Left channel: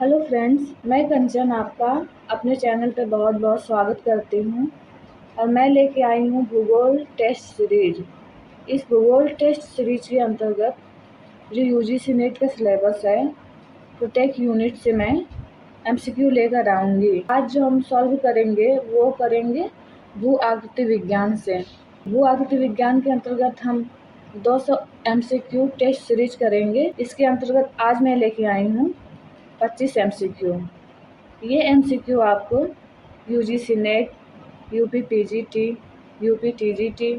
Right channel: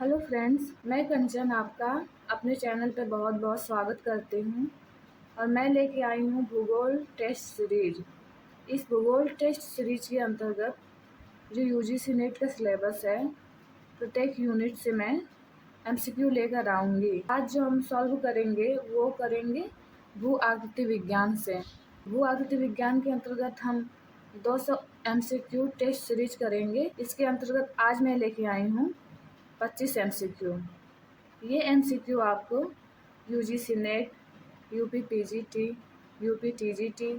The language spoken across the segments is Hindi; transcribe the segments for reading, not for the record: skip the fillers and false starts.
हेलो फ्रेंड्स, मैं कंचन आपका अपने चैनल पे बहुत बहुत स्वागत करती हूँ। और मैं लेके आई हूँ भूगोल टेस्ट सीरीज। इस भूगोल टेस्ट सीरीज के अंतर्गत जो यूजीसी नेट का सिलेबस है, प्रत्येक यूनिट से मैं एमसीक्यू लेकर आऊँगी। आज जो हम सॉल्व करेंगे वो करेंगे भू आकृति विज्ञान से। भू आकृति विज्ञान के अंतर्गत हम 200 एमसीक्यू टेस्ट सीरीज करेंगे। इसके अंतर्गत आज मैं लेके आई हूँ 25 एमसीक्यू। ये एमसीक्यू आपको UGC net, UP PGT, UP TGT,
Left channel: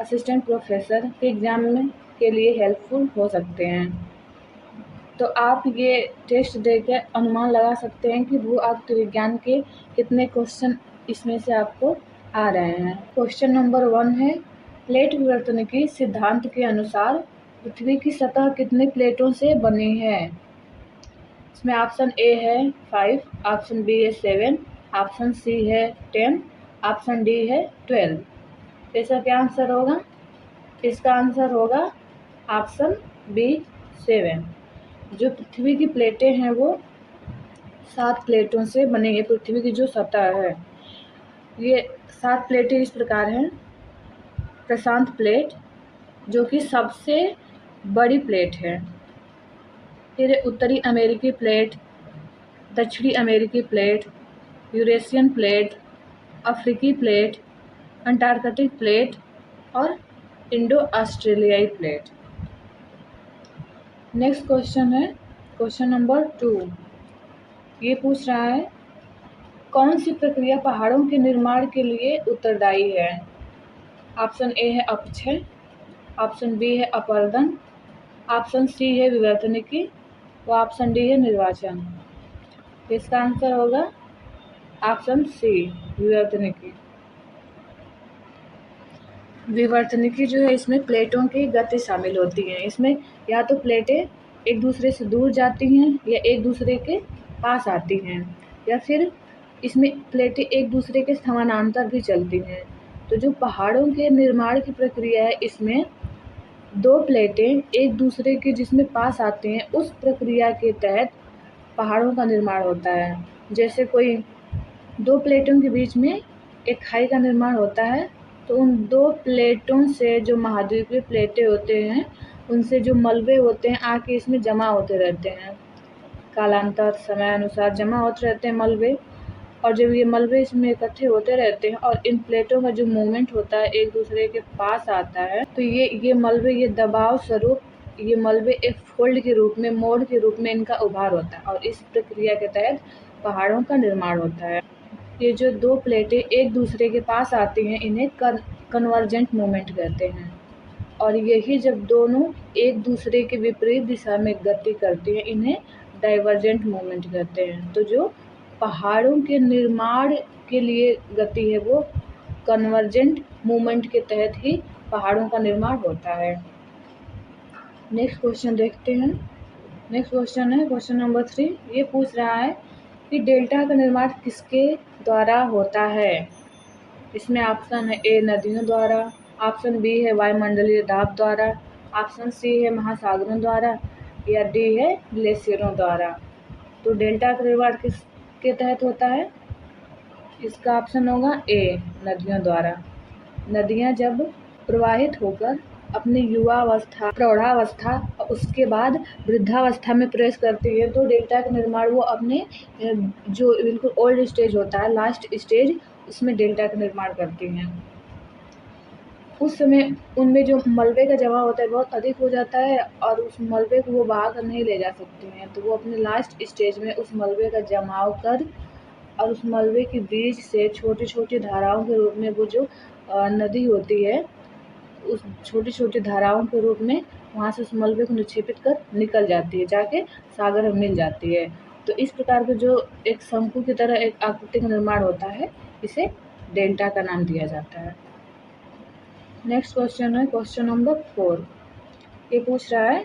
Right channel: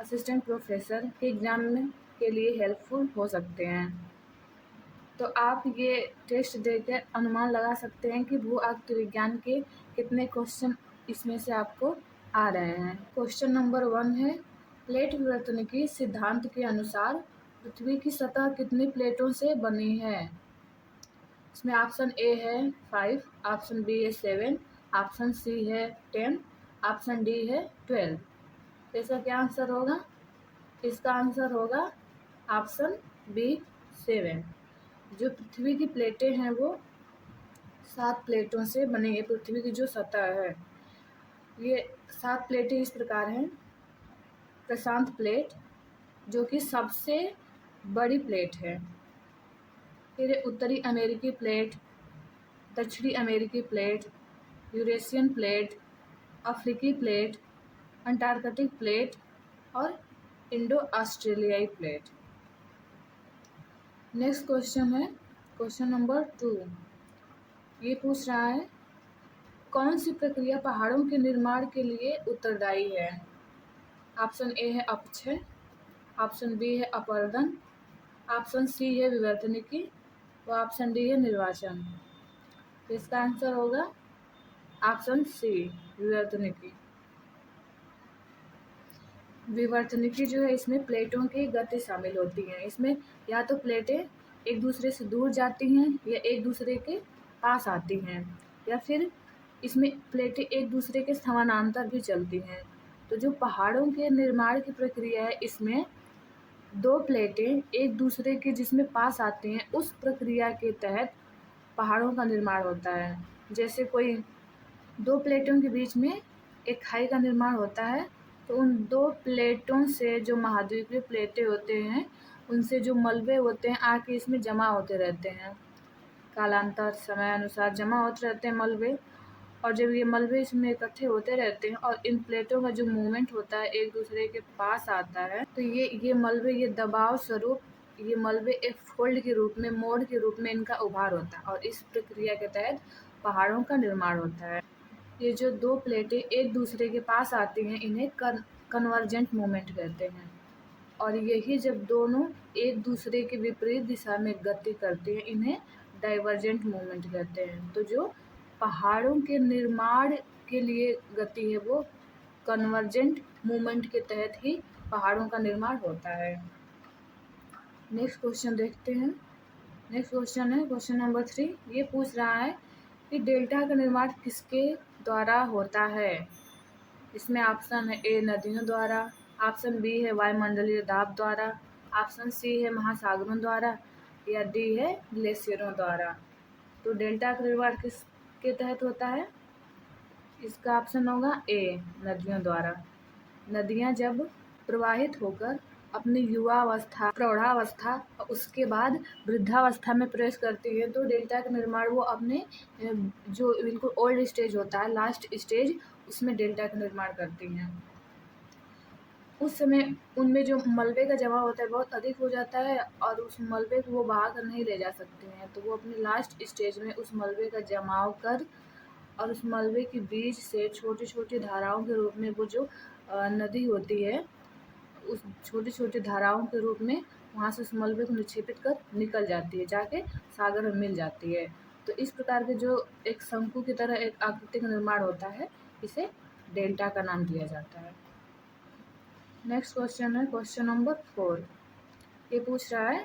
assistant professor के एग्ज़ाम में के लिए हेल्पफुल हो सकते हैं। तो आप ये टेस्ट देकर अनुमान लगा सकते हैं कि भू आकृति विज्ञान के कितने क्वेश्चन इसमें से आपको आ रहे हैं। क्वेश्चन नंबर 1 है, प्लेट विवर्तनिकी सिद्धांत के अनुसार पृथ्वी की सतह कितने प्लेटों से बनी है? इसमें ऑप्शन ए है 5, ऑप्शन बी है 7, ऑप्शन सी है 10, ऑप्शन डी है 12। इसका क्या आंसर होगा? इसका आंसर होगा ऑप्शन बी 7। जो पृथ्वी की प्लेटें हैं वो 7 प्लेटों से बनी है। पृथ्वी की जो सतह है, ये 7 प्लेटें इस प्रकार हैं। प्रशांत प्लेट, जो कि सबसे बड़ी प्लेट है। फिर उत्तरी अमेरिकी प्लेट, दक्षिणी अमेरिकी प्लेट, यूरेशियन प्लेट, अफ्रीकी प्लेट, अंटार्कटिक प्लेट और इंडो ऑस्ट्रेलियाई प्लेट। नेक्स्ट क्वेश्चन है क्वेश्चन नंबर 2। ये पूछ रहा है, कौन सी प्रक्रिया पहाड़ों के निर्माण के लिए उत्तरदायी है? ऑप्शन ए है अपक्षय, ऑप्शन बी है अपरदन, ऑप्शन सी है विवर्तनिकी व ऑप्शन डी है निर्वाचन। इसका आंसर होगा ऑप्शन सी, विवर्तनिकी। विवर्तनिकी जो है, इसमें प्लेटों की गति शामिल होती है। इसमें या तो प्लेटें एक दूसरे से दूर जाती हैं या एक दूसरे के पास आती हैं, या फिर इसमें प्लेटें एक दूसरे के समानांतर भी चलती हैं। तो जो पहाड़ों के निर्माण की प्रक्रिया है, इसमें 2 प्लेटें एक दूसरे के जिसमें पास आते हैं, उस प्रक्रिया के तहत पहाड़ों का निर्माण होता है। जैसे कोई 2 प्लेटों के बीच में एक खाई का निर्माण होता है, तो उन 2 प्लेटों से जो महाद्वीपीय प्लेटें होते हैं, उनसे जो मलबे होते हैं आके इसमें जमा होते रहते हैं। कालांतर समय अनुसार जमा होते रहते हैं मलबे, और जब ये मलबे इसमें इकट्ठे होते रहते हैं और इन प्लेटों का जो मूवमेंट होता है एक दूसरे के पास आता है, तो ये मलबे, ये दबाव स्वरूप ये मलबे एक फोल्ड के रूप में, मोड़ के रूप में इनका उभार होता है, और इस प्रक्रिया के तहत पहाड़ों का निर्माण होता है। ये जो 2 प्लेटें एक दूसरे के पास आती हैं, इन्हें कन्वर्जेंट मूवमेंट कहते हैं। और यही जब दोनों एक दूसरे के विपरीत दिशा में गति करती हैं, इन्हें डाइवर्जेंट मूवमेंट कहते हैं। तो जो पहाड़ों के निर्माण के लिए गति है, वो कन्वर्जेंट मूवमेंट के तहत ही पहाड़ों का निर्माण होता है। नेक्स्ट क्वेश्चन देखते हैं। नेक्स्ट क्वेश्चन है क्वेश्चन नंबर 3। ये पूछ रहा है कि डेल्टा का निर्माण किसके द्वारा होता है? इसमें ऑप्शन है ए नदियों द्वारा, ऑप्शन बी है वायुमंडलीय दाब द्वारा, ऑप्शन सी है महासागरों द्वारा, या डी है ग्लेशियरों द्वारा। तो डेल्टा का निर्माण किसके तहत होता है? इसका ऑप्शन होगा ए, नदियों द्वारा। नदियाँ जब प्रवाहित होकर अपनी युवावस्था, प्रौढ़ावस्था और उसके बाद वृद्धावस्था में प्रवेश करती है, तो डेल्टा का निर्माण वो अपने जो बिल्कुल ओल्ड स्टेज होता है, लास्ट स्टेज, उसमें डेल्टा का निर्माण करती हैं। उस समय उनमें जो मलबे का जमा होता है बहुत अधिक हो जाता है, और उस मलबे को वो बहा कर नहीं ले जा सकती हैं, तो वो अपने लास्ट स्टेज में उस मलबे का जमाव कर और उस मलबे के बीच से छोटी छोटी धाराओं के रूप में वो जो नदी होती है, उस छोटी छोटी धाराओं के रूप में वहाँ से उस मलबे को निक्षेपित कर निकल जाती है, जाके सागर में मिल जाती है। तो इस प्रकार के जो एक शंकु की तरह एक आकृति का निर्माण होता है, इसे डेल्टा का नाम दिया जाता है। नेक्स्ट क्वेश्चन है क्वेश्चन नंबर 4। ये पूछ रहा है,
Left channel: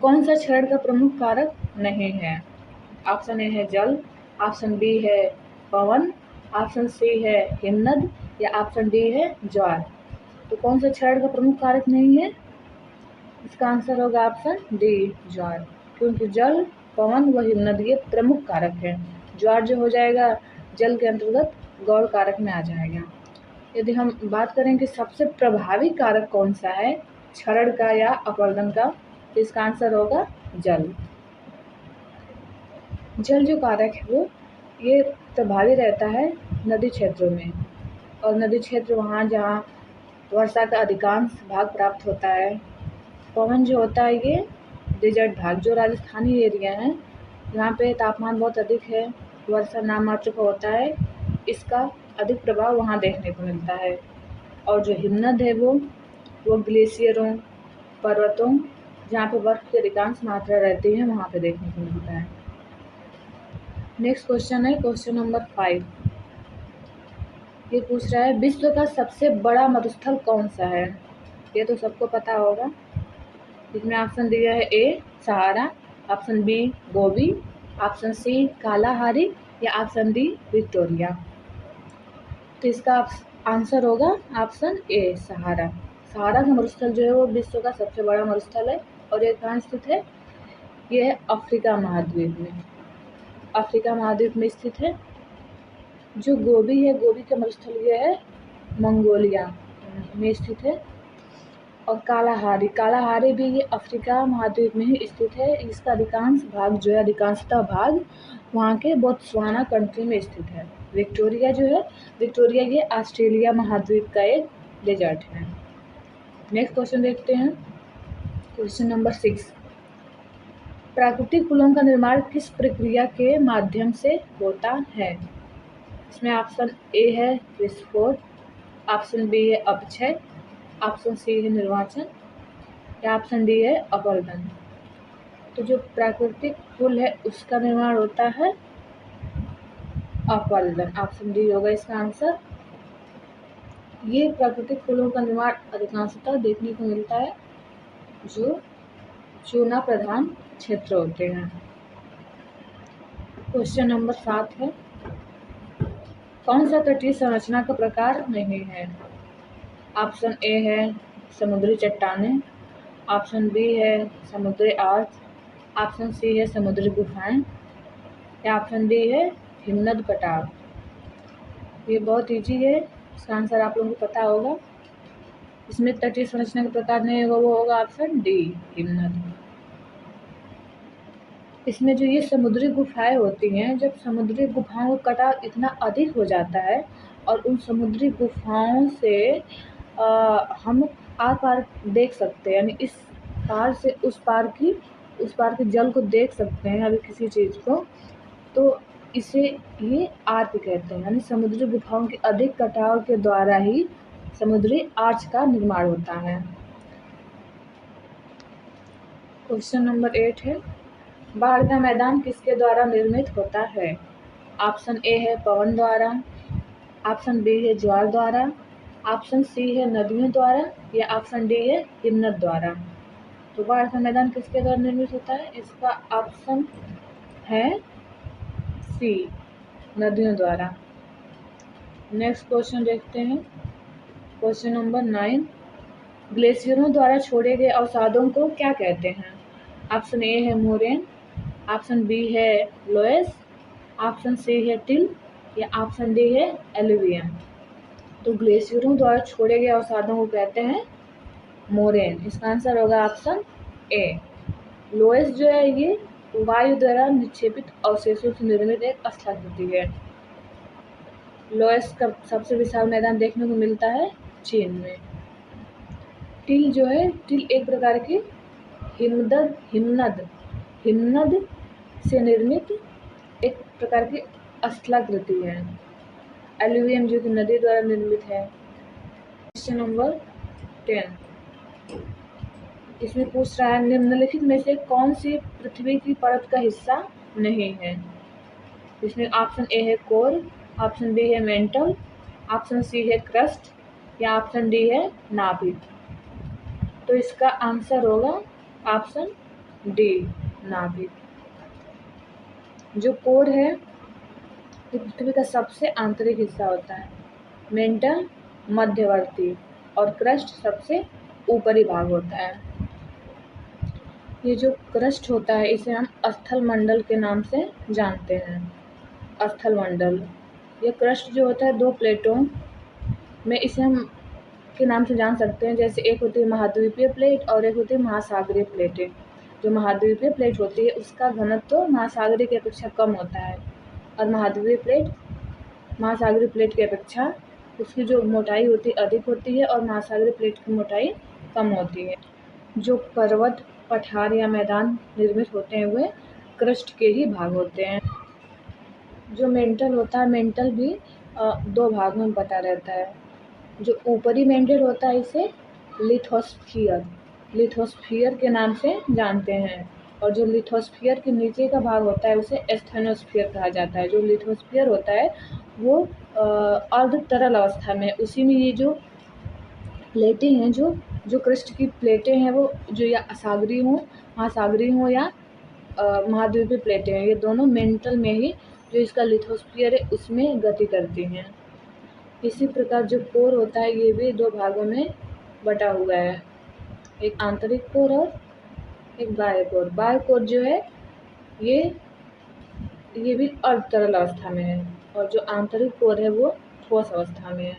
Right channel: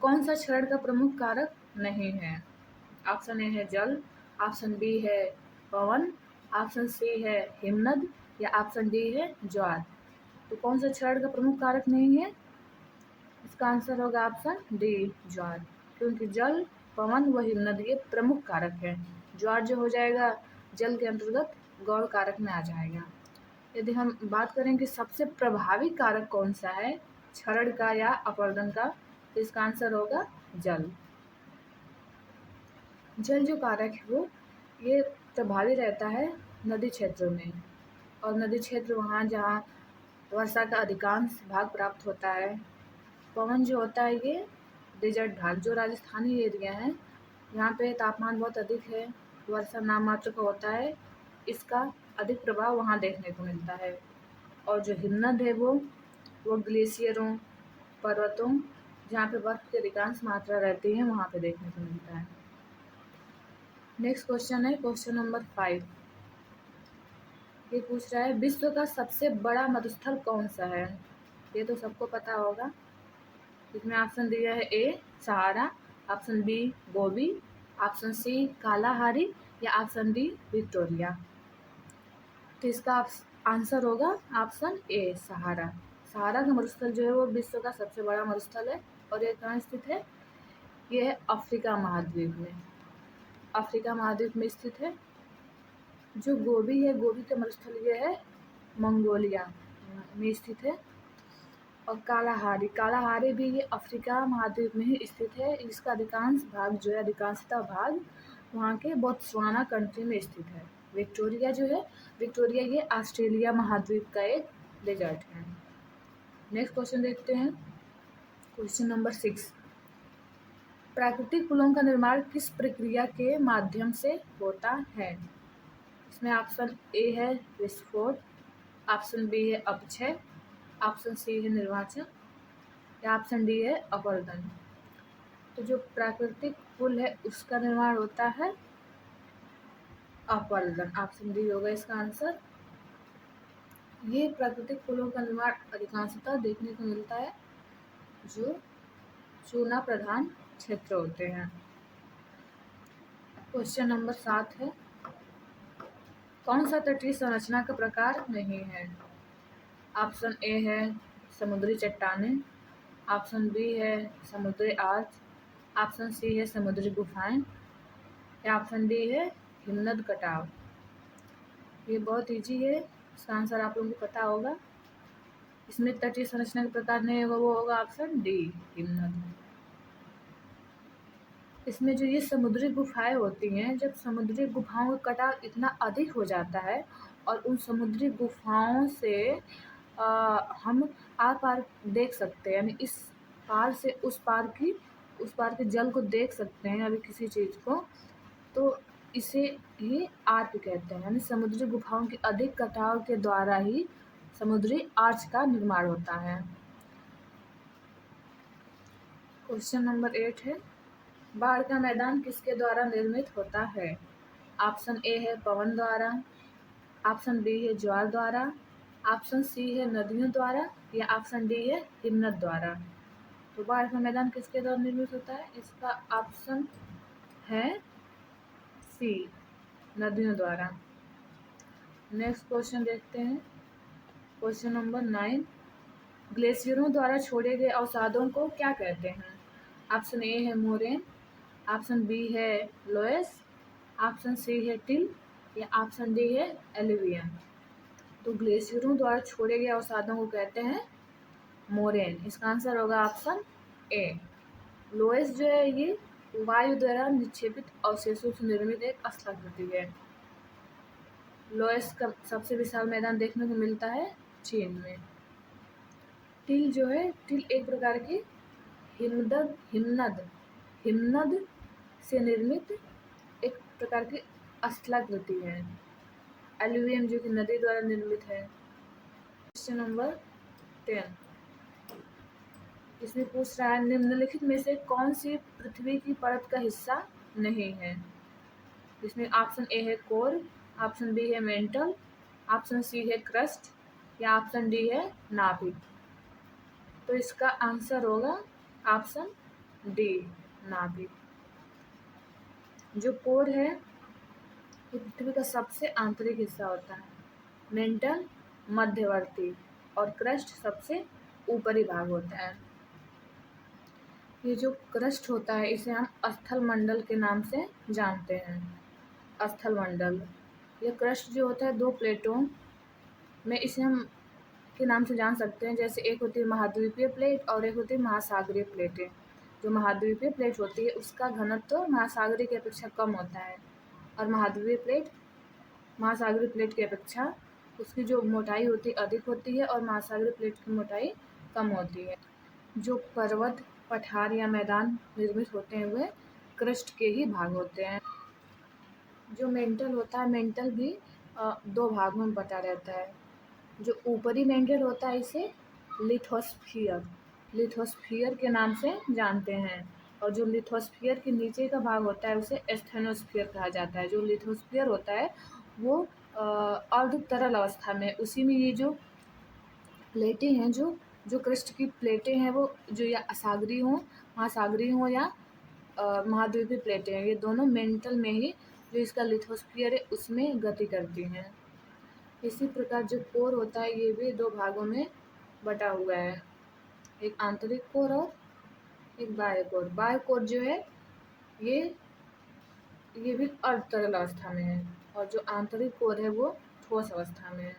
कौन सा क्षरण का प्रमुख कारक नहीं है? ऑप्शन ए है जल, ऑप्शन बी है पवन, ऑप्शन सी है हिमनद, या ऑप्शन डी है ज्वार। तो कौन सा क्षरण का प्रमुख कारक नहीं है? इसका आंसर होगा ऑप्शन डी, ज्वार। क्योंकि जल पवन व हिमनद ये प्रमुख कारक हैं। ज्वार जो हो जाएगा जल के अंतर्गत गौण कारक में आ जाएगा। यदि हम बात करें कि सबसे प्रभावी कारक कौन सा है, क्षरण का या अपवर्तन का, तो इसका आंसर होगा जल। जल जो कारक है वो ये प्रभावी रहता है नदी क्षेत्रों में, और नदी क्षेत्र वहाँ जहाँ वर्षा का अधिकांश भाग प्राप्त होता है। पवन जो होता है ये डेजर्ट भाग, जो राजस्थानी एरिया है यहाँ पे तापमान बहुत अधिक है, वर्षा नाम मात्र का होता है, इसका अधिक प्रभाव वहाँ देखने को मिलता है। और जो हिमनद है वो ग्लेशियरों, पर्वतों, जहाँ पे बर्फ की अधिकांश मात्रा रहती है वहाँ पे देखने को मिलता है। नेक्स्ट क्वेश्चन है क्वेश्चन नंबर 5। ये पूछ रहा है विश्व का सबसे बड़ा मरुस्थल कौन सा है। ये तो सबको पता होगा। इसमें ऑप्शन दिया है ए सहारा, ऑप्शन बी गोबी, ऑप्शन सी कालाहारी या ऑप्शन डी विक्टोरिया। तो इसका आंसर होगा ऑप्शन ए सहारा। सहारा का मरुस्थल जो है वो विश्व का सबसे बड़ा मरुस्थल है, और ये कहाँ स्थित है, ये है अफ्रीका महाद्वीप में। अफ्रीका महाद्वीप में स्थित है। जो गोबी है, गोबी का मरुस्थल ये है मंगोलिया में स्थित है। और कालाहारी, कालाहारी भी ये अफ्रीका महाद्वीप में ही स्थित है। इसका अधिकांश भाग जो है, अधिकांशतः भाग वहाँ के बोत्सवाना कंट्री में स्थित है। विक्टोरिया जो है, विक्टोरिया ये ऑस्ट्रेलिया महाद्वीप का एक डेजर्ट है। नेक्स्ट क्वेश्चन देखते हैं क्वेश्चन नंबर 6। प्राकृतिक पुलों का निर्माण किस प्रक्रिया के माध्यम से होता है। इसमें ऑप्शन ए है विस्फोट, ऑप्शन बी है अपक्षय, ऑप्शन सी है निर्वाचन या ऑप्शन डी है अपवर्तन। तो जो प्राकृतिक पुल है उसका निर्माण होता है अपवर्तन। ऑप्शन डी होगा इसका आंसर। ये प्राकृतिक पुलों का निर्माण अधिकांशतः देखने को मिलता है जो चूना प्रधान क्षेत्र होते हैं। क्वेश्चन नंबर 7 है कौन सा तटीय संरचना का प्रकार नहीं है। ऑप्शन ए है समुद्री चट्टानें, ऑप्शन बी है समुद्री आर्च, ऑप्शन सी है समुद्री गुफाएं या ऑप्शन डी है हिमनद कटाव। ये बहुत ईजी है, इसका आंसर आप लोगों को पता होगा। इसमें तटीय संरचना का प्रकार नहीं होगा, वो होगा ऑप्शन डी हिमनद। इसमें जो ये समुद्री गुफाएं होती हैं, जब समुद्री गुफाओं का कटाव इतना अधिक हो जाता है और उन समुद्री गुफाओं से हम आर पार देख सकते हैं, यानी इस पार से उस पार के जल को देख सकते हैं अभी किसी चीज़ को, तो इसे ये आर्क कहते हैं। यानी समुद्री गुफाओं के अधिक कटाव के द्वारा ही समुद्री आर्च का निर्माण होता है। क्वेश्चन नंबर 8 है बाढ़ का मैदान किसके द्वारा निर्मित होता है। ऑप्शन ए है पवन द्वारा, ऑप्शन बी है ज्वार द्वारा, ऑप्शन सी है नदियों द्वारा या ऑप्शन डी है हिमनद द्वारा। तो बाढ़ का मैदान किसके द्वारा निर्मित होता है, इसका ऑप्शन है सी नदियों द्वारा। नेक्स्ट क्वेश्चन देखते हैं क्वेश्चन नंबर 9। ग्लेशियरों द्वारा छोड़े गए अवसादों को क्या कहते हैं। ऑप्शन ए है मोरेन, ऑप्शन बी है लोएस, ऑप्शन सी है टिल या ऑप्शन डी है एलुवियम। तो ग्लेशियरों द्वारा छोड़े गए अवसादों को कहते हैं मोरेन। इसका आंसर होगा ऑप्शन ए। लोएस जो है ये वायु द्वारा निक्षेपित अवशेषों से निर्मित एक स्थलाकृति है। लोएस का सबसे विशाल मैदान देखने को मिलता है चीन में। टिल जो है, टिल एक प्रकार की हिमनद से निर्मित एक प्रकार की स्थलाकृति है। एलुवियम जो कि नदी द्वारा निर्मित है। क्वेश्चन नंबर 10 इसमें पूछ रहा है निम्नलिखित में से कौन सी पृथ्वी की परत का हिस्सा नहीं है। इसमें ऑप्शन ए है कोर, ऑप्शन बी है मेंटल, ऑप्शन सी है क्रस्ट या ऑप्शन डी है नाभिक। तो इसका आंसर होगा ऑप्शन डी नाभिक। जो कोर है ये पृथ्वी का सबसे आंतरिक हिस्सा होता है, मेंटल मध्यवर्ती और क्रस्ट सबसे ऊपरी भाग होता है। ये जो क्रस्ट होता है इसे हम स्थल मंडल के नाम से जानते हैं। स्थल मंडल, ये क्रस्ट जो होता है 2 प्लेटों में इसे हम के नाम से जान सकते हैं। जैसे एक होती है महाद्वीपीय प्लेट और एक होती है महासागरीय प्लेटें। जो महाद्वीपीय प्लेट होती है उसका घनत्व तो महासागरीय की अपेक्षा कम होता है, और महाद्वीपीय प्लेट महासागरीय प्लेट की अपेक्षा उसकी जो मोटाई होती है अधिक होती है, और महासागरीय प्लेट की मोटाई कम होती है। जो पर्वत, पठार या मैदान निर्मित होते हैं वे क्रस्ट के ही भाग होते हैं। जो मेंटल होता है, मेंटल भी 2 भागों में बटा रहता है। जो ऊपरी मेंटल होता है इसे लिथोस्फियर के नाम से जानते हैं, और जो लिथोस्फियर के नीचे का भाग होता है उसे एस्थेनोस्फियर कहा जाता है। जो लिथोस्फियर होता है वो अर्ध तरल अवस्था में, उसी में ये जो प्लेटें हैं, जो क्रस्ट की प्लेटें हैं वो जो या सागरीय हों, महासागरीय हों या महाद्वीपीय प्लेटें हैं, ये दोनों मेंटल में ही जो इसका लिथोस्फियर है उसमें गति करती हैं। इसी प्रकार जो कोर होता है ये भी 2 भागों में बटा हुआ है, एक आंतरिक कोर और एक बाह्य कोर। बाह्य कोर जो है ये भी अर्ध तरल अवस्था में है, और जो आंतरिक कोर है वो ठोस अवस्था में है।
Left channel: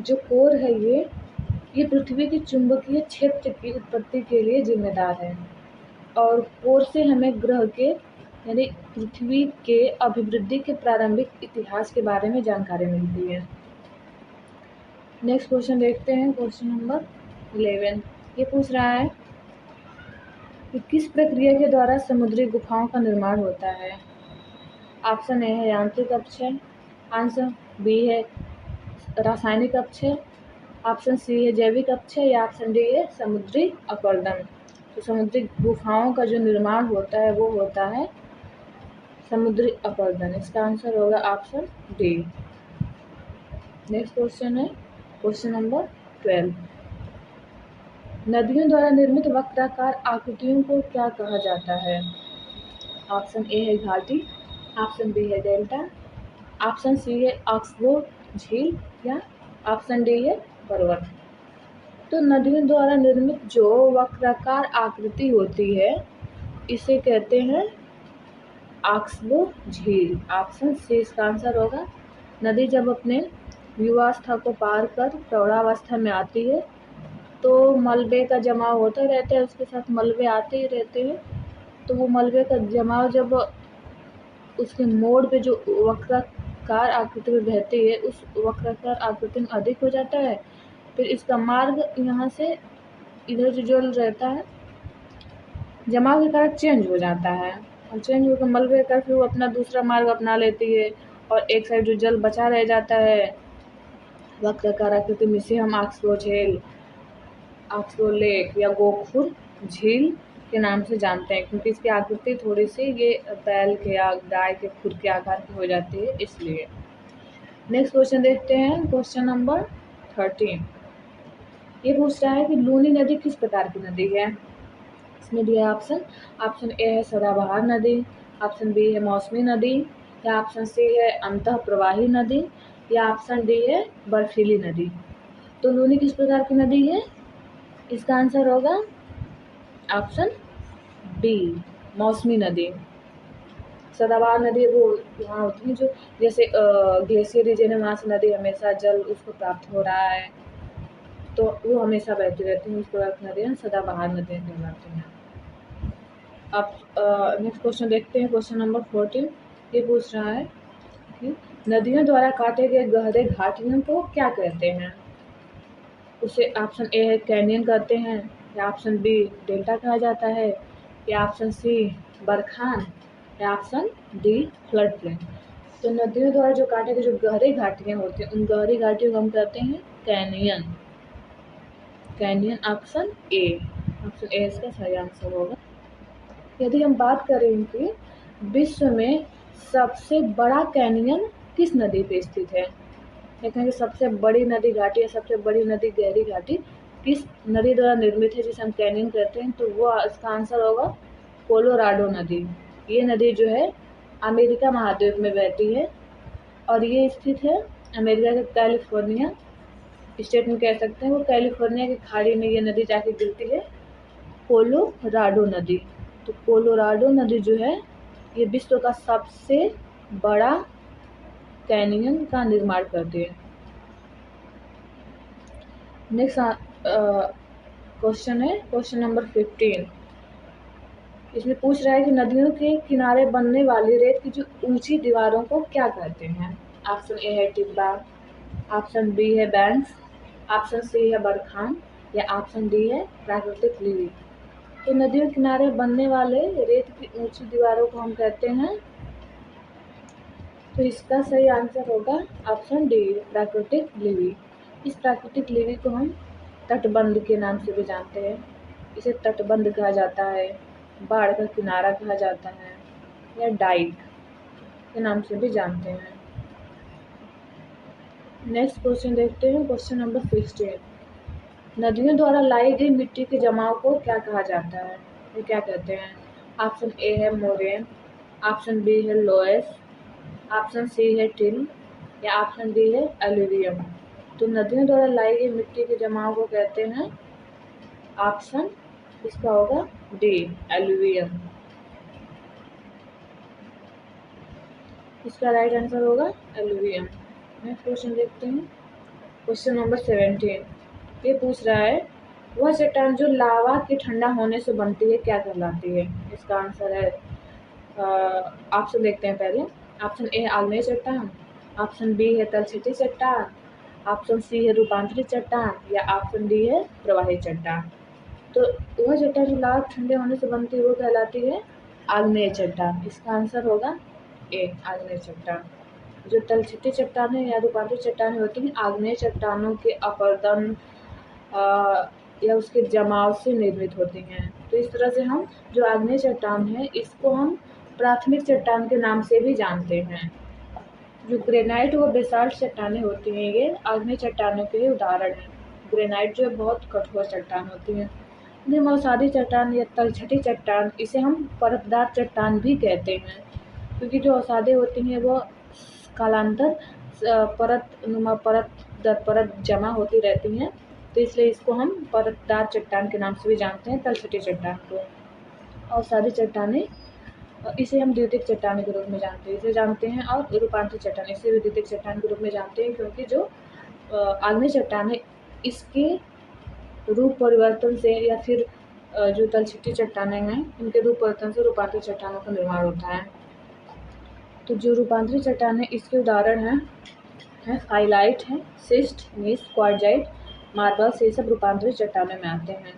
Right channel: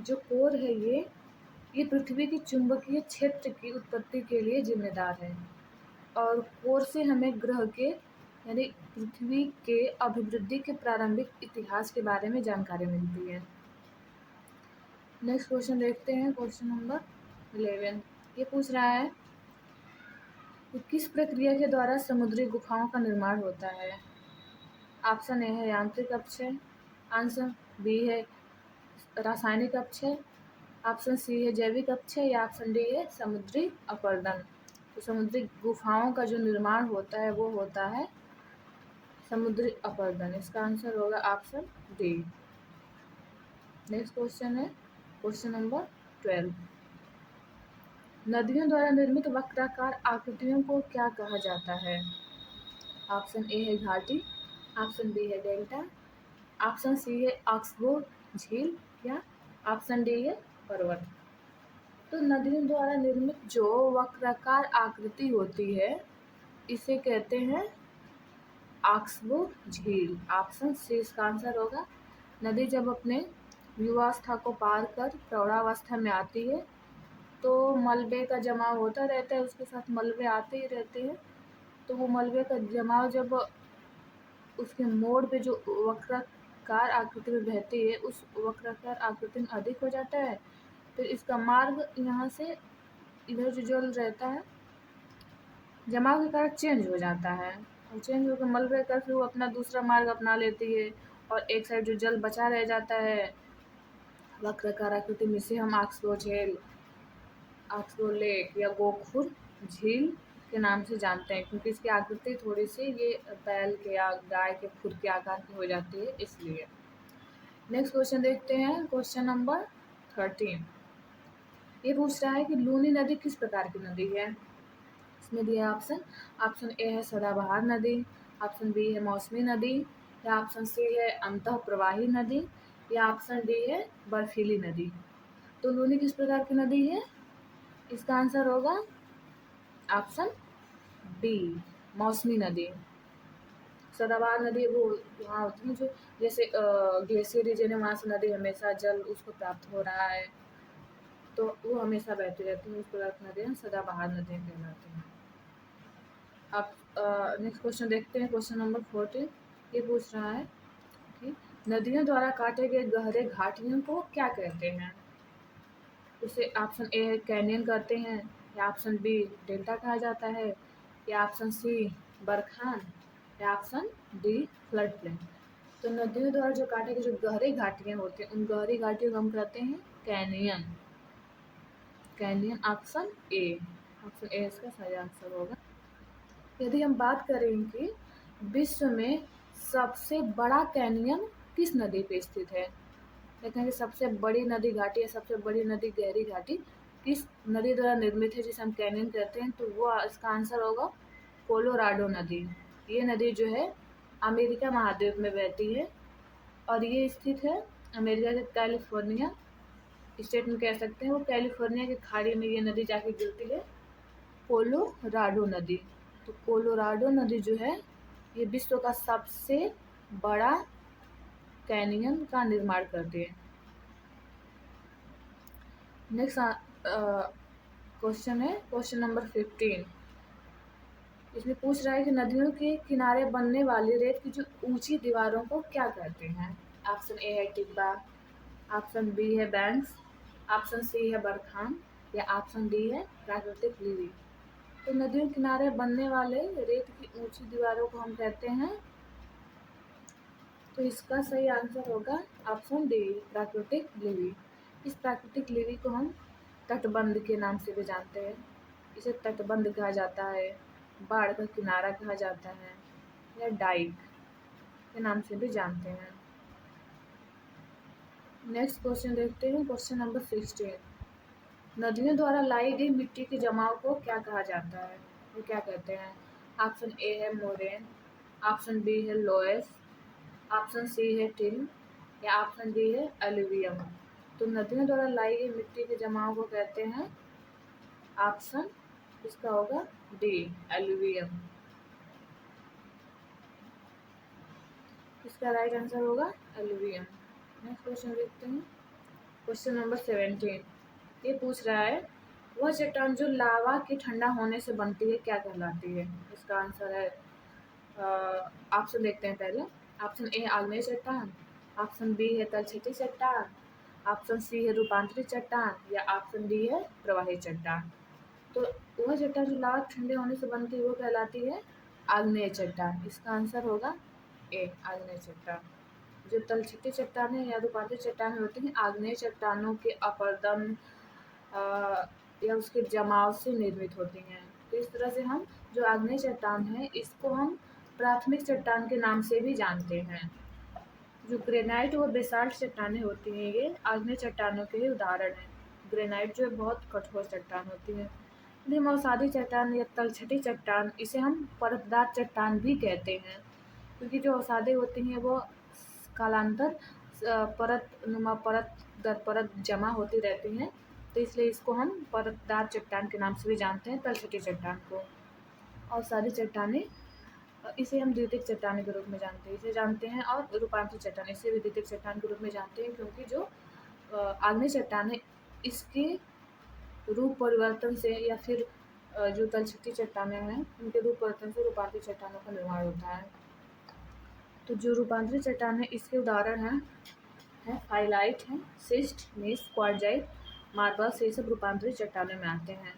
जो कोर है ये पृथ्वी के चुंबकीय क्षेत्र की उत्पत्ति के लिए जिम्मेदार है, और कोर से हमें ग्रह के यानी पृथ्वी के अभिवृद्धि के प्रारंभिक इतिहास के बारे में जानकारी मिलती है। नेक्स्ट क्वेश्चन देखते हैं, क्वेश्चन नंबर 11। ये पूछ रहा है कि किस प्रक्रिया के द्वारा समुद्री गुफाओं का निर्माण होता है। ऑप्शन ए है यांत्रिक अपक्षय, आंसर बी है रासायनिक अपक्षय, ऑप्शन सी है जैविक अपक्षय, या ऑप्शन डी है समुद्री अपरदन। तो समुद्री गुफाओं का जो निर्माण होता है वो होता है समुद्री अपरदन। इसका आंसर होगा ऑप्शन डी। नेक्स्ट क्वेश्चन है क्वेश्चन नंबर 12। नदियों द्वारा निर्मित वक्राकार आकृतियों को क्या कहा जाता है। ऑप्शन ए है घाटी, ऑप्शन बी है डेल्टा, ऑप्शन सी है ऑक्सबो झील, या ऑप्शन डी है पर्वत। तो नदियों द्वारा निर्मित जो वक्राकार आकृति होती है इसे कहते हैं ऑक्सबो झील। ऑप्शन सी इसका आंसर होगा। नदी जब अपने युवावस्था को पार कर प्रौढ़ावस्था में आती है तो मलबे का जमाव होता रहता है, उसके साथ मलबे आते ही रहते हैं। तो वो मलबे का जमाव जब उसके मोड़ पे जो वक्राकार आकृति में बहती है उस वक्राकार आकृति में अधिक हो जाता है, फिर इसका मार्ग यहाँ से इधर जो जल रहता है जमाव के कारण चेंज हो जाता है, और चेंज होकर मलबे का फिर वो अपना दूसरा मार्ग अपना लेती है, और एक साइड जो जल बचा रह जाता है वक्राकार आकृति में, इसे हम ऑक्सबो झील, ऑक्सबो लेक या गोखुर झील के नाम से जानते हैं, क्योंकि इसकी आकृति थोड़ी सी ये बैल के या गाय के खुर के आकार की हो जाती है इसलिए। नेक्स्ट क्वेश्चन देखते हैं, क्वेश्चन नंबर 13। ये पूछ रहा है कि लूनी नदी किस प्रकार की नदी है। इसमें दिया ऑप्शन, ऑप्शन ए है सदाबहार नदी, ऑप्शन बी है मौसमी नदी, या ऑप्शन सी है अंतः प्रवाही नदी, या ऑप्शन डी है बर्फीली नदी। तो लूनी किस प्रकार की नदी है, इसका आंसर होगा ऑप्शन बी मौसमी नदी। सदाबहार नदी वो वहाँ होती है जो जैसे ग्लेशियर रीजन है, वहाँ से नदी हमेशा जल उसको प्राप्त हो रहा है तो वो हमेशा बहती रहती है, उस प्रकार की नदियाँ सदाबहार नदियाँ कहलाती हैं। अब नेक्स्ट क्वेश्चन देखते हैं, क्वेश्चन नंबर 14। ये पूछ रहा है कि नदियों द्वारा काटे गए गहरे घाटियों को क्या कहते हैं। उसे ऑप्शन ए है कैनियन कहते हैं, या ऑप्शन बी डेल्टा कहा जाता है, या ऑप्शन सी बरखान, या ऑप्शन डी फ्लड प्लेन। तो नदियों द्वारा जो काटे गए जो गहरी घाटियाँ होती हैं उन गहरी घाटियों को हम कहते हैं canyon. Canyon option A, option A इसका सही आंसर होगा। यदि हम बात करें कि विश्व में सबसे बड़ा कैनियन किस नदी पे स्थित है, कहते हैं कि सबसे बड़ी नदी घाटी या सबसे बड़ी नदी गहरी घाटी किस नदी द्वारा निर्मित है जिसे हम कैनियन कहते हैं, तो वो इसका आंसर होगा कोलोराडो नदी। ये नदी जो है अमेरिका महाद्वीप में बहती है, और ये स्थित है अमेरिका के कैलिफोर्निया स्टेट में कह सकते हैं। वो कैलिफोर्निया की खाड़ी में ये नदी जाके गिरती है, कोलोराडो नदी। तो कोलोराडो नदी जो है ये विश्व का सबसे बड़ा कैनियन का निर्माण करती है। नेक्स्ट क्वेश्चन है क्वेश्चन नंबर 15। इसमें पूछ रहा है कि नदियों के किनारे बनने वाली रेत की जो ऊंची दीवारों को क्या कहते हैं। ऑप्शन ए है टिब्बा, ऑप्शन बी है बैंक्स, ऑप्शन सी है बरखान या ऑप्शन डी है प्राकृतिक लिली। तो नदियों किनारे बनने वाले रेत की ऊंची दीवारों को हम कहते हैं, तो इसका सही आंसर होगा ऑप्शन डी प्राकृतिक लिली। इस प्राकृतिक लिली को हम तटबंध के नाम से भी जानते हैं। इसे तटबंध कहा जाता है, बाढ़ का किनारा कहा जाता है या डाइक के नाम से भी जानते हैं। नेक्स्ट क्वेश्चन देखते हैं क्वेश्चन नंबर 16। नदियों द्वारा लाई गई मिट्टी के जमाव को क्या कहा जाता है, ये क्या कहते हैं। ऑप्शन ए है मोरेन, ऑप्शन बी है लोएस, ऑप्शन सी है टिल या ऑप्शन डी है एलुवियम। तो नदियों द्वारा लाई गई मिट्टी के जमाव को कहते हैं, ऑप्शन इसका होगा डी एलुवियम। इसका राइट आंसर होगा एलुवियम। नेक्स्ट क्वेश्चन देखते हैं क्वेश्चन नंबर 17। ये पूछ रहा है वह चट्टान जो लावा के ठंडा होने से बनती है क्या कहलाती है। इसका आंसर है ऑप्शन देखते हैं पहले। ऑप्शन ए आग्नेय चट्टान, ऑप्शन बी है तलछटी चट्टान, ऑप्शन सी है रूपांतरित चट्टान या ऑप्शन डी है प्रवाही चट्टान। तो वह चट्टान जो लावा ठंडे होने से बनती है वो कहलाती है आग्नेय चट्टान। इसका आंसर होगा ए आग्नेय चट्टान। जो तलछटी चट्टानें या रूपांतरित चट्टानें होती हैं आग्नेय चट्टानों के अपरदन या उसके जमाव से निर्मित होती हैं। तो इस तरह से हम जो आग्नेय चट्टान है इसको हम प्राथमिक चट्टान के नाम से भी जानते हैं। जो ग्रेनाइट व बेसाल्ट चट्टानें होती हैं ये आग्नेय चट्टानों के ही उदाहरण हैं। ग्रेनाइट जो है बहुत कठोर चट्टान होती है। मौसादी चट्टान या तलछटी चट्टान इसे हम परतदार चट्टान भी कहते हैं, क्योंकि जो अवसादें होती हैं वो कालांतर परत नुमा परत दर परत जमा होती रहती हैं, तो इसलिए इसको हम परतदार चट्टान के नाम से भी जानते हैं तलछटी चट्टान को। अवसादी चट्टानें इसे हम द्वितीयक चट्टान के रूप में जानते हैं और रूपांतरित चट्टान इसे भी द्वितीयक चट्टान के रूप में जानते हैं, क्योंकि जो आग्नेय चट्टान है इसके रूप परिवर्तन से या फिर जो तलछटी चट्टानें हैं उनके रूप परिवर्तन से रूपांतरित चट्टानों का निर्माण होता है। तो जो रूपांतरित चट्टान है इसके उदाहरण हैं हाइलाइट है, सिस्ट, नीस, क्वार्जाइट, मार्बल्स, ये सब रूपांतरित चट्टानों में आते हैं।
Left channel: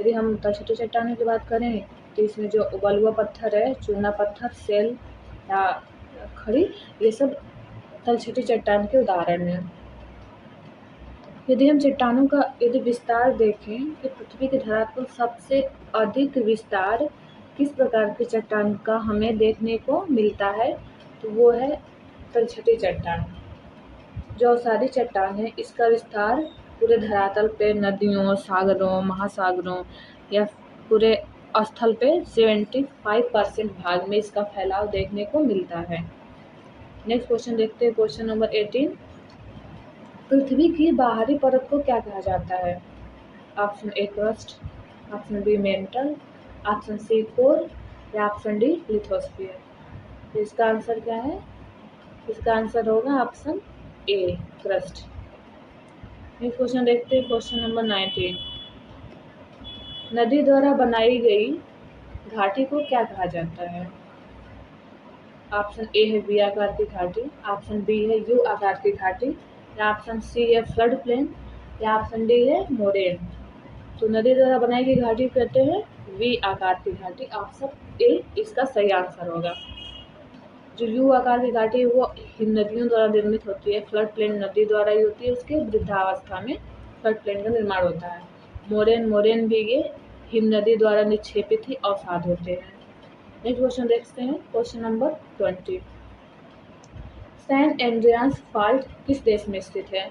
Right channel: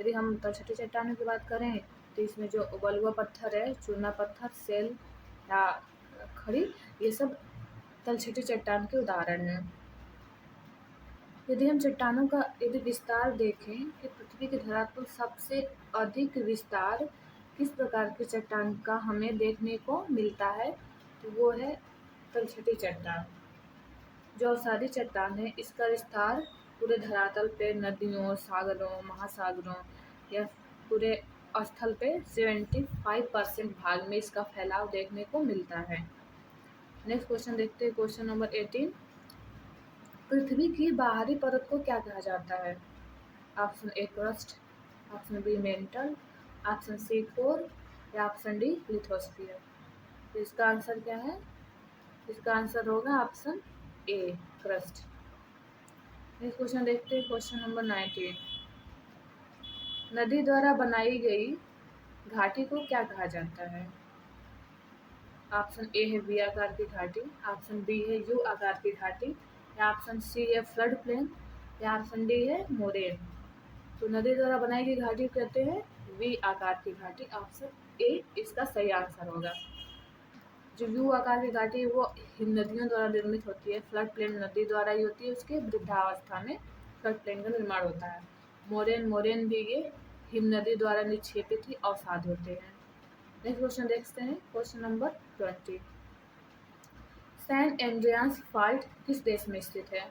यदि हम तलछटी चट्टानों की बात करें तो इसमें जो बलुआ पत्थर है, चूना पत्थर, सेल या खड़ी, ये सब तलछटी चट्टान के उदाहरण हैं। यदि हम चट्टानों का यदि विस्तार देखें कि पृथ्वी के धरातल पर सबसे अधिक विस्तार किस प्रकार की चट्टान का हमें देखने को मिलता है, तो वो है तलछटी चट्टान। जो अवसादी चट्टान है इसका विस्तार पूरे धरातल पे नदियों, सागरों, महासागरों या पूरे स्थल पे 75% भाग में इसका फैलाव देखने को मिलता है। नेक्स्ट क्वेश्चन देखते हैं क्वेश्चन नंबर 18। पृथ्वी की बाहरी परत को क्या कहा जाता है। Option A crust, option B mantle, option C core या ऑप्शन डी लिथोस्फीयर। इसका आंसर क्या है, इसका आंसर होगा option A crust. Next question देखते हैं क्वेश्चन नंबर 19। नदी द्वारा बनाई गई घाटी को क्या कहा जाता है। ऑप्शन ए है वी आकार की घाटी, ऑप्शन बी है यू आकार की घाटी या ऑप्शन सी है फ्लड प्लेन या ऑप्शन डी है मोरेन। तो नदी द्वारा बनाई गई घाटी कहते हैं वी आकार की घाटी। ऑप्शन ए इसका सही आंसर होगा। जो यू आकार की घाटी है वो हिम नदियों द्वारा निर्मित होती है। फ्लड प्लेन नदी द्वारा ही होती है, उसके वृद्धावस्था में फ्लड प्लेन का निर्माण होता है। मोरेन भी ये हिम नदी द्वारा निक्षेपित ही अवसाद होते हैं। नेक्स्ट क्वेश्चन देखते हैं question number 20। San Andreas fault किस देश में स्थित है।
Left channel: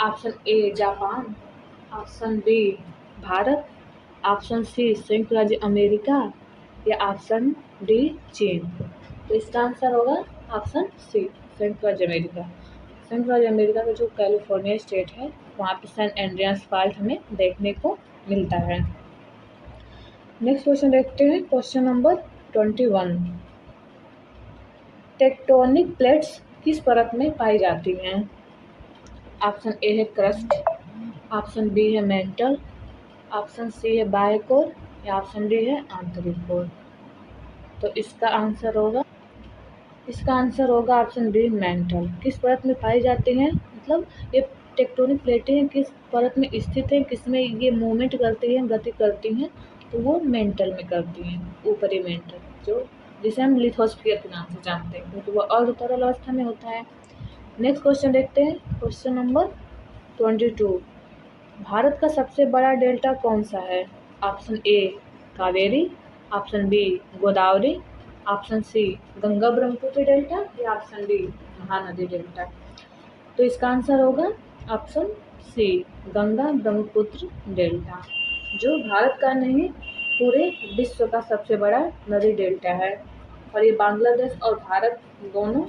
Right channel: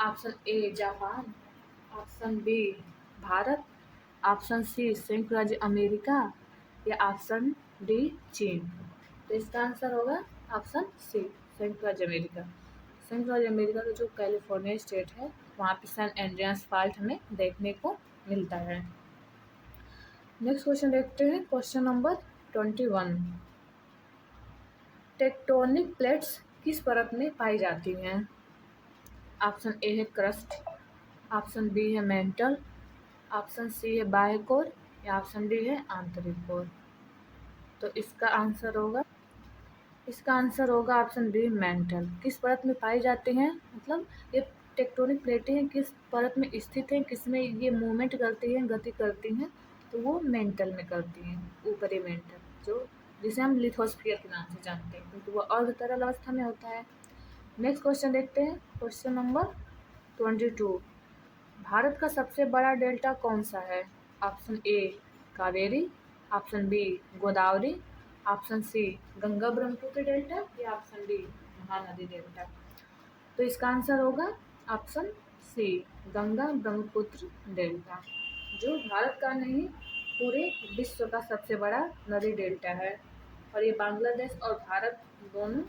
Option A Japan, option B Bharat, option C संयुक्त राज्य अमेरिका या ऑप्शन डी चीन। तो इसका आंसर होगा ऑप्शन सी संयुक्त राज्य अमेरिका। संयुक्त राज्य अमेरिका का जो कैलिफोर्निया स्टेट है वहाँ पे सैन एंड्रियास फॉल्ट हमें देखने को मिलता है। नेक्स्ट क्वेश्चन देखते हैं, क्वेश्चन नंबर 21। टेक्टोनिक प्लेट्स किस परत में पाई जाती हैं? ऑप्शन ए है क्रस्ट, ऑप्शन बी है मेंटल, ऑप्शन सी है बाह्य कोर, या ऑप्शन डी है आंतरिक कोर। तो इसका आंसर होगा ऑप्शन बी मेंटल। किस परत में पाई जाती हैं, मतलब ये टेक्टोनिक प्लेटें किस परत में स्थित हैं, किस में ये मूवमेंट करती हैं, गति करती हैं, तो वो मेंटल में करती हैं, ऊपरी मेंटल, जो जिसे हम लिथोस्फीयर के नाम से जानते हैं, क्योंकि वो अर्ध तरल अवस्था में होता है। नेक्स्ट क्वेश्चन देखते हैं, क्वेश्चन नंबर 22। भारत का सबसे बड़ा डेल्टा कौन सा है? Option A Kaveri, option B Godavari, option C Ganga Brahmaputra delta, या ऑप्शन डी महानदी डेल्टा। तो इसका आंसर होगा option C Ganga Brahmaputra delta, जो भारत का नहीं पूरे विश्व का सबसे बड़ा नदी डेल्टा है, और ये बांग्लादेश और भारत दोनों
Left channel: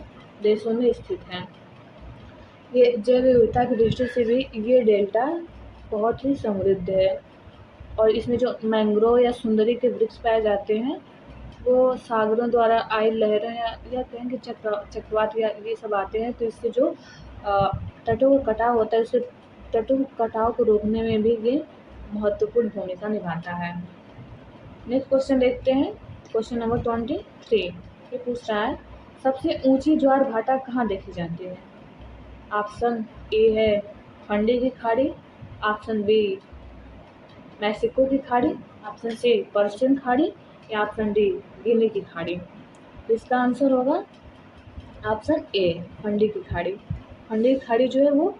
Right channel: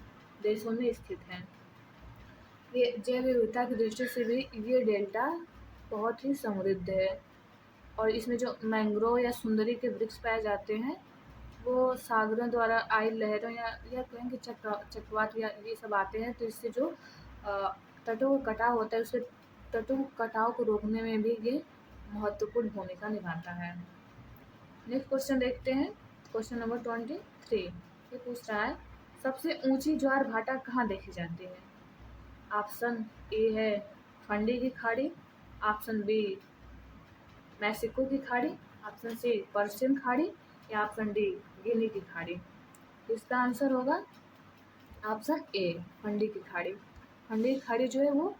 देशों में स्थित है। ये जैव विविधता की दृष्टि से भी ये डेल्टा बहुत ही समृद्ध है, और इसमें जो मैंग्रोव या सुंदरी के वृक्ष पाए जाते हैं, वो सागरों द्वारा आई लहरों या कहेंगे चक्रवात या ये सब आते हैं, तो इससे जो तटों का कटाव होता है, उससे तटों के कटाव को रोकने में भी ये महत्वपूर्ण भूमिका निभाता है। नेक्स्ट क्वेश्चन देखते हैं, क्वेश्चन नंबर 23। ये पूछ रहा है, सबसे ऊंची ज्वार भाटा कहाँ देखी जाती है? ऑप्शन ए है फंडी की खाड़ी, ऑप्शन बी मैक्सिको की खाड़ी, ऑप्शन सी पर्शियन खाड़ी, या ऑप्शन डी गिनी की खाड़ी। तो इसका आंसर होगा ऑप्शन ए फंडी की खाड़ी। फंडी की खाड़ी जो है वो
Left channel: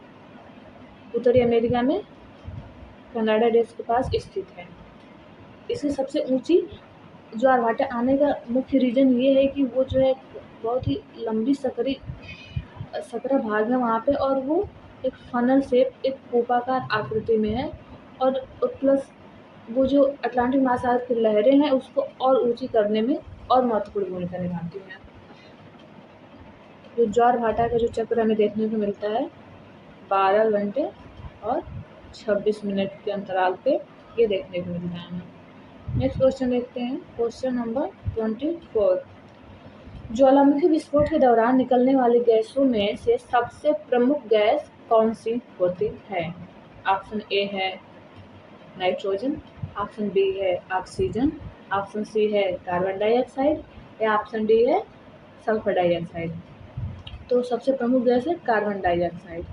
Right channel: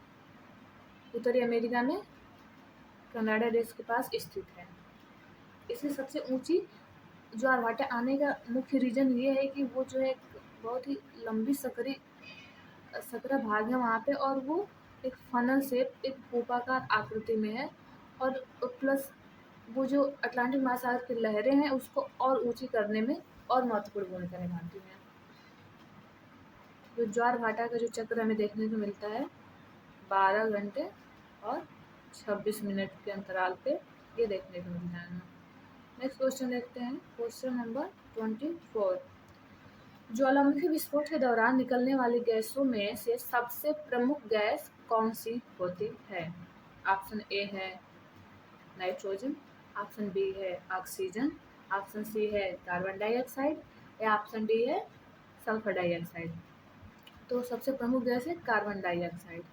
उत्तरी अमेरिका में कनाडा देश के पास स्थित है। इसकी सबसे ऊंची ज्वार भाटा आने का मुख्य रीज़न ये है कि वो जो है बहुत ही लंबी सकरा भाग है वहाँ पे, और वो एक फनल शेप, एक कूपाकार आकृति में है, और प्लस वो जो अटलांटिक महासागर की लहरें हैं उसको और ऊंची करने में और महत्वपूर्ण भूमिका निभाती हैं। जो ज्वार भाटा का जो चक्र हमें देखने को मिलता है 12 घंटे और 26 मिनट के अंतराल पे ये देखने को मिलता है हमें। नेक्स्ट क्वेश्चन देखते हैं, क्वेश्चन नंबर 24। ज्वालामुखी विस्फोट के दौरान निकलने वाली गैसों में से सबसे प्रमुख गैस कौन सी होती है? ऑप्शन ए है नाइट्रोजन, ऑप्शन बी है ऑक्सीजन, ऑप्शन सी है कार्बन डाइऑक्साइड, या ऑप्शन डी है सल्फर डाइऑक्साइड। तो सबसे प्रमुख गैस है कार्बन डाइऑक्साइड,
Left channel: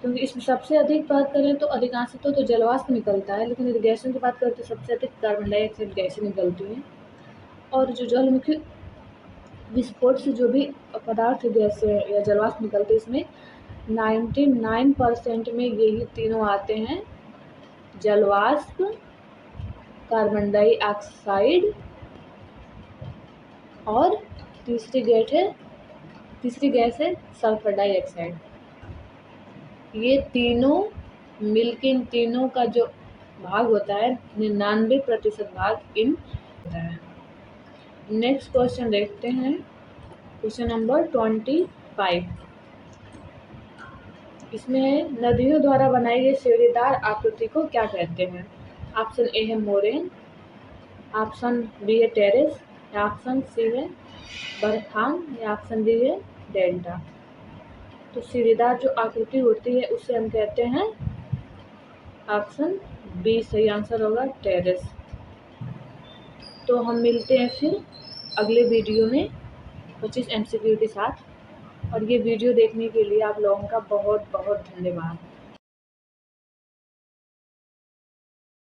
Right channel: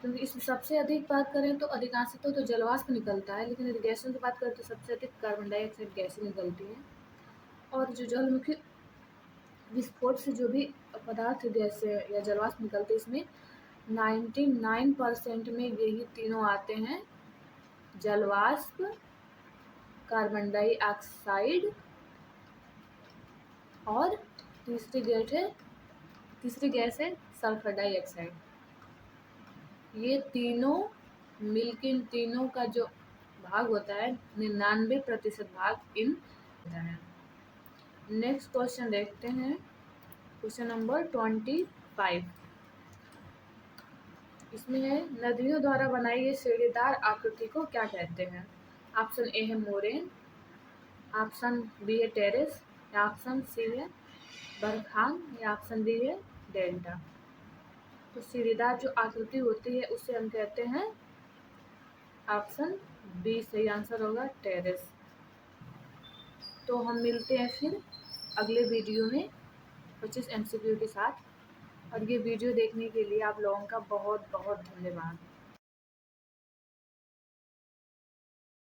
क्योंकि इसमें सबसे अधिक बात करें तो अधिकांशतः तो जलवाष्प निकलता है, लेकिन यदि गैसों की बात करें तो सबसे अधिक कार्बन डाइऑक्साइड गैसें निकलती हैं। और जो ज्वालामुखी विस्फोट से जो भी पदार्थ गैसें या जलवाष्प निकलते हैं, इसमें 99% में यही तीनों आते हैं, जलवाष्प, कार्बन डाइऑक्साइड और तीसरी गैस है सल्फर डाइऑक्साइड। ये तीनों मिलकर इन तीनों का जो भाग होता है 99% भाग इन होता है। नेक्स्ट क्वेश्चन देखते हैं, क्वेश्चन नंबर 25। इसमें है, नदियों द्वारा बनाई गई सीढ़ीदार आकृति को क्या कहते हैं? ऑप्शन ए है मोरेन, ऑप्शन बी है टेरेस, या ऑप्शन सी है बरखान, या ऑप्शन डी है डेल्टा। तो सीढ़ीदार जो आकृति होती है उसे हम कहते हैं, ऑप्शन बी सही आंसर होगा टेरेस। तो हम मिलते हैं फिर अगले वीडियो में 25 MCQ के साथ, और ये वीडियो देखने के लिए आप लोगों का बहुत बहुत धन्यवाद।